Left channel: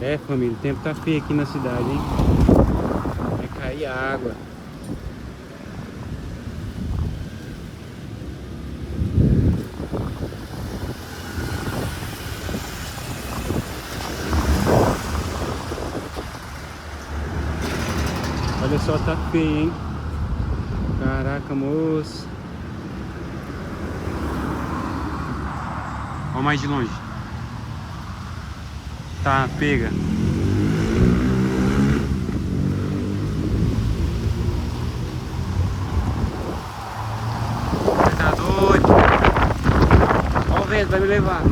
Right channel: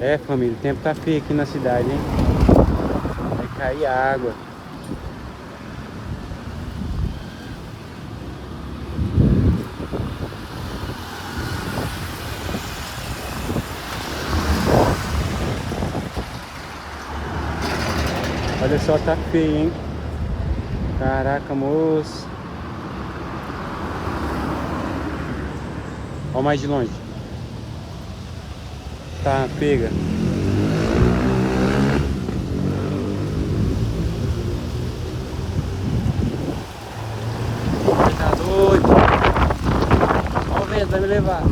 É, família, o tempo tá feio aqui na cidade, hein? Vai cair água. Olha só, tá feio, hein? Caraca, moço. Olha mais de longe. Tá, pega. Você tá doido? Olha o vento, vai me levar.